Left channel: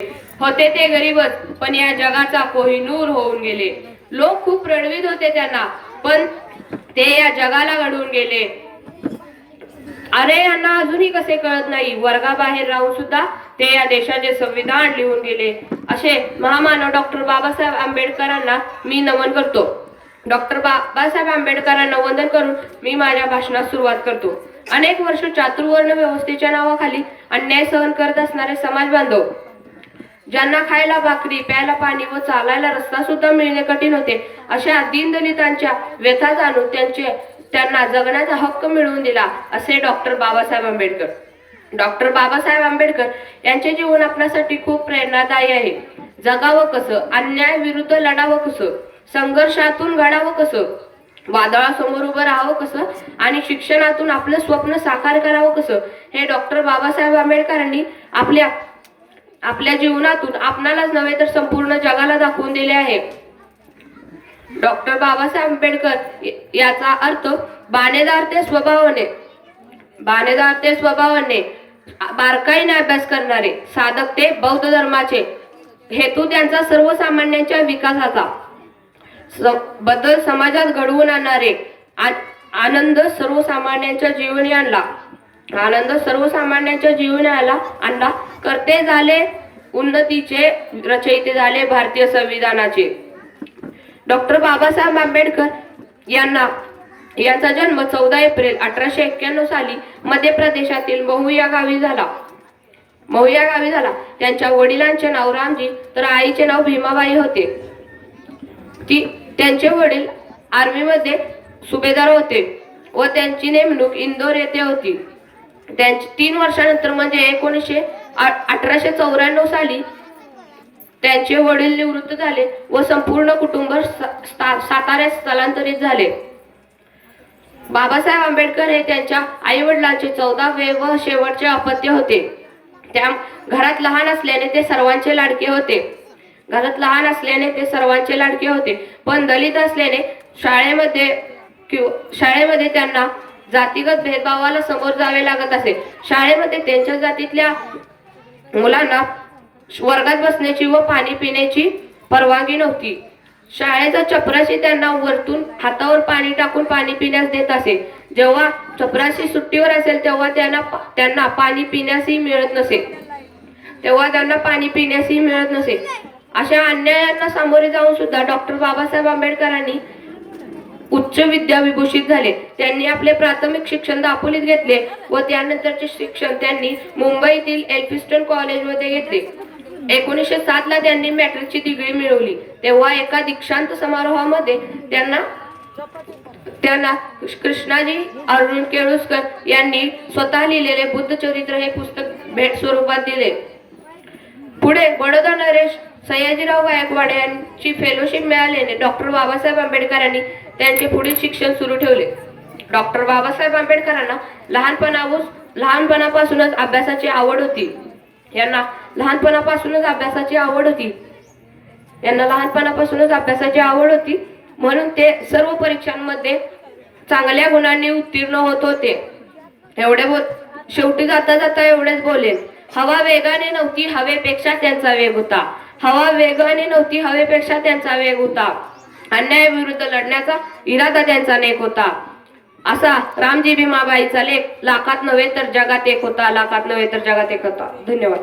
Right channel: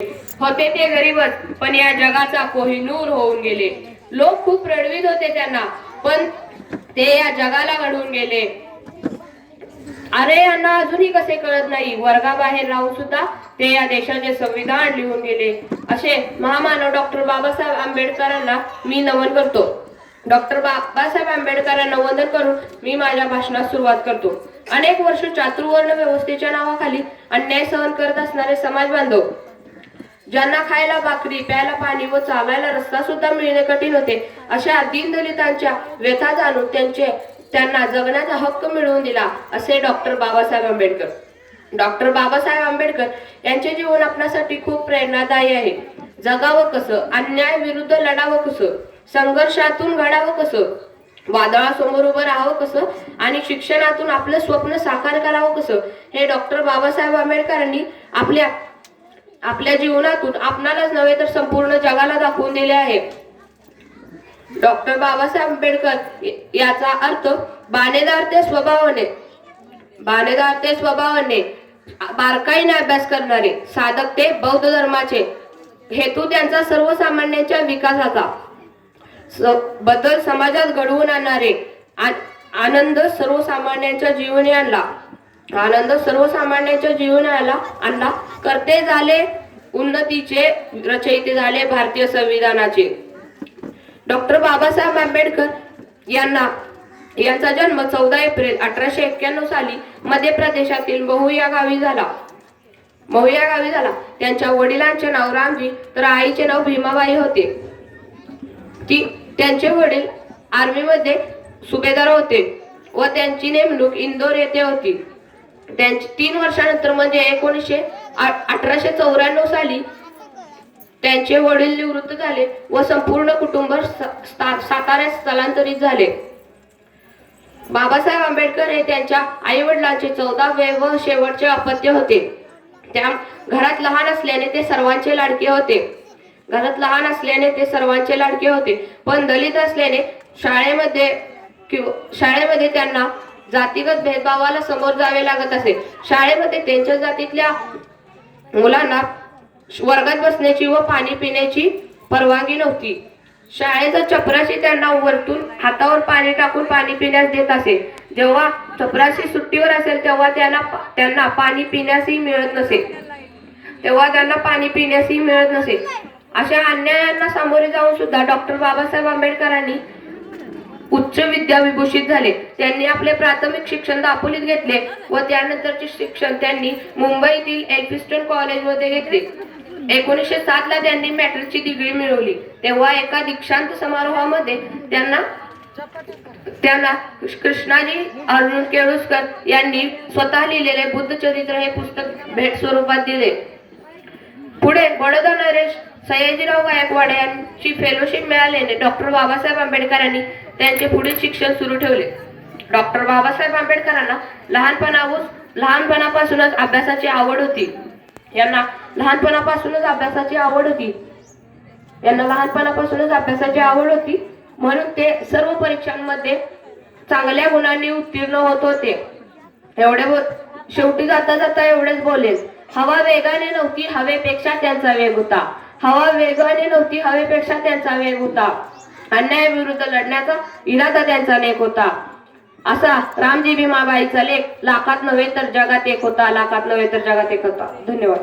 होते ते गरीबच, पण या जगाचा कोहिनूर होऊन गेले. लोक खूप रडवीत होते त्यांना, पण ते या जगाला घडवून गेले. अरे यांना अजूनही कसे कळत नाही, वर्गाबाहेर राहून सुद्धा ते या देशाचे संविधान लिहून गेले. असे महामानव डॉक्टर बाबासाहेब आंबेडकरांना मी नमन करतो. डॉक्टर बाबासाहेब आंबेडकरांना वंदन करून मी माझ्या भाषणास सुरुवात करतो. अनेक वर्ष चातुर्वर्ण व्यवस्थेच्या नावाखाली अन्याय सहन करत असणारे समाज बांधव, ज्यांना खायला भाकरी, प्यायला पाणी व चालायला रस्ता सुद्धा मिळणे कठीण होते, अशा दीनदलितांच्या व्यथा जाणून त्यांना जगण्याचा हक्क मिळवून दिला, असे डॉक्टर बाबासाहेब आंबेडकर. डॉक्टर बाबासाहेब आंबेडकर यांचे जीवन आपल्यासाठी खूप प्रेरणादायी आहे. जगावं कसं, अन्याय विरुद्ध लढावं कसं, संघर्षातून घडावं कसं, वादळासमोर उभं राहावं कसं आणि शिक्षणातून आपलं स्वप्न साकार करावं कसं, हे डॉक्टर बाबासाहेब आंबेडकरांनी आपल्या जीवनातून आपणालाच नव्हे तर संपूर्ण जगाला दाखवून दिले आहे. डॉक्टर बाबासाहेब आंबेडकर याचा अर्थ बाणेदार ते स्वभावाने बारकाईने अभ्यास करणारे, साधक ते बौद्ध धर्माचे, हेतू त्यांचा सर्वसामान्यांच्या विकासाचा, बदल समाजात घडवून आणणारे, आनंद सर्वसामान्यांच्या जीवनी आणला, करते झाले उन्नतीचे, रचयिते झाले भारतीय संविधानाचे. डॉक्टर बाबासाहेब आंबेडकर यांचा जन्म 14 एप्रिल 1891 साली मध्य प्रदेशातील महू या गावी झाला. त्यांच्या वडिलांचे नाव रामजी तर आईचे नाव भीमाबाई होते. त्यांचे वडील आर्मीमध्ये सुभेदार होते व त्यांची नेमणूक इंदोर येथे होती. त्यांची 3 वर्षानंतर म्हणजे 1894 साली त्यांचे वडील निवृत्त झाले व संपूर्ण कुटुंब साताऱ्यात स्थलांतरित झाले. बाबासाहेब आंबेडकर हे त्यांच्या आई वडिलांचे 14वे व शेवटचे अपत्य होते. त्या घरात लहान असल्याने ते सर्वांचे लाडके होते. पण दलित असल्याने शाळेमध्ये त्यांना जातीगत भेदभावाला समोर जावे लागत असे. शाळेमध्ये त्यांच्या जातीतल्या मुलांना वर्गात बसण्याची व पाणी पिण्याची परवानगी नव्हती. शाळेचा चपराशी त्यांना वरतून हातावर पाणी टाकून पाणी पिण्यास देत असे. जेव्हा चपराशी सुट्टीवर असेल तेव्हा त्यांना पाणी पिण्यासही मिळत नसे. अशा अन्यायांना सामोरे जाऊन सुद्धा डॉक्टर बाबासाहेब आंबेडकरांनी उच्च विद्या विभूषित झाले. त्यांनी आपले प्राथमिक शिक्षण दापोलीत घेतले व त्यानंतरचे शिक्षण त्यांनी मुंबईतील एल्फिन्स्टन कॉलेजमध्ये घेतले. 1907 ला त्यांनी मॅट्रिकची डिग्री मिळवली. तेव्हा एका दीक्षांत समारोहामध्ये त्यांना कृष्णाजी अर्जुन केळुस्कर यांनी स्वतः लिहिलेले बुद्ध चरित्र हे पुस्तक भेट स्वरूपात दिले. पुढे बडोदा नरेश सयाजीराव गायकवाड यांची फेलोशिप मिळाल्याने डॉक्टर बाबासाहेब आंबेडकरांनी त्यांचे पुढील शिक्षण सुरू ठेवले. डॉक्टर बाबासाहेब आंबेडकरांना लहानपणापासूनच अभ्यासाची आवड होती. यांना लहानपणापासूनच अभ्यासाची आवड होती म्हणून ते सर्व परीक्षांमध्ये चांगल्या गुणांनी उत्तीर्ण होत होते. शेवटी जाता एवढेच बोलेल. हवा वेगाने नव्हती, हवेपेक्षा त्यांचा वेग होता. अन्यायाविरुद्ध लढण्याचा इरादा त्यांचा नेक होता. असा रामजी भीमाबाईचा लेख लाखात नव्हे तर जगात एक होता. धन्यवाद.